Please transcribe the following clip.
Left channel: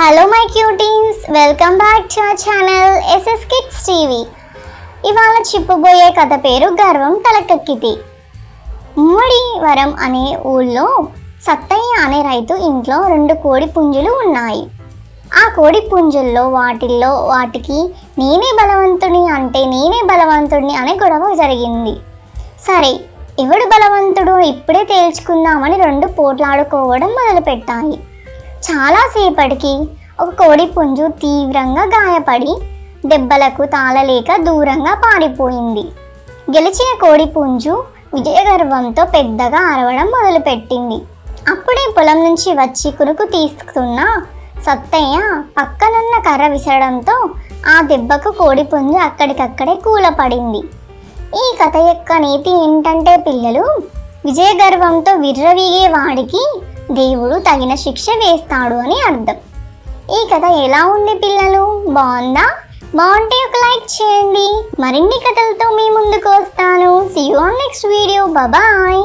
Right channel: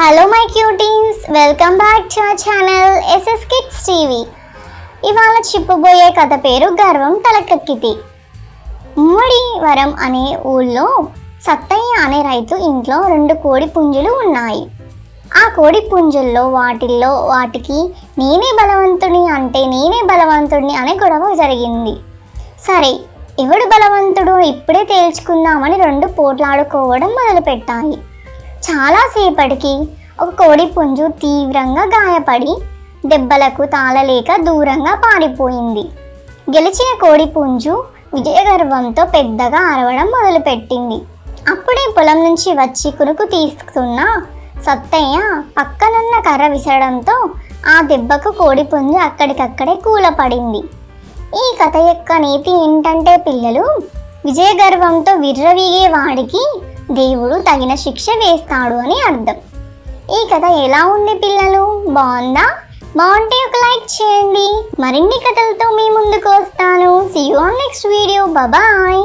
Hello my cuties, welcome back to our channel SS kids TV. ఇవాళ చెప్పబోయే కథ పేరు గర్వం తలకెక్కితే. వరం అనే ఊళ్ళో సత్తయ్య అనే రైతు ఇంట్లో 2 కోడి పుంజులు ఉన్నాయి. ఆ కోడి పుంజుల్లో వాటికి నేనే బలవంతుడిని అనే గొడవ జరిగింది. సరే, ఎవడు బలవంతుడు ఇప్పుడే తేల్చుకుందామని 2 పోట్లాడుకోవడం మొదలుపెట్టాయి. చాలాసేపటికి ఒక కోడి పుంజు తీవ్రంగా గాయపడి దెబ్బలకు తాళలేక దూరంగా పారిపోయింది. గెలిచిన కోడి పుంజు విజయగర్వంతో పెద్దగా అరవడం మొదలుపెట్టింది. అప్పుడే పొలం నుంచి వచ్చి కునుకు తీసుకున్న సత్తయ్య పక్కనున్న కర్ర విసరడంతో ఆ దెబ్బకు కోడి పుంజు అక్కడికక్కడే కూలపడింది. ఈ కథ యొక్క నీతి ఏంటంటే పిల్లలు, విజయగర్వంతో విర్రవీగే వాడికి దేవుడు తగిన శిక్ష వేస్తాడు అని అర్థం. ఈ కథ ఎలా ఉంది పిల్లలు? బాగుందా? బాగుంటే ఒక లైక్ చేయండి. మరిన్ని కథలతో మీ ముందుకు వస్తాను. See you on next video. Bye bye.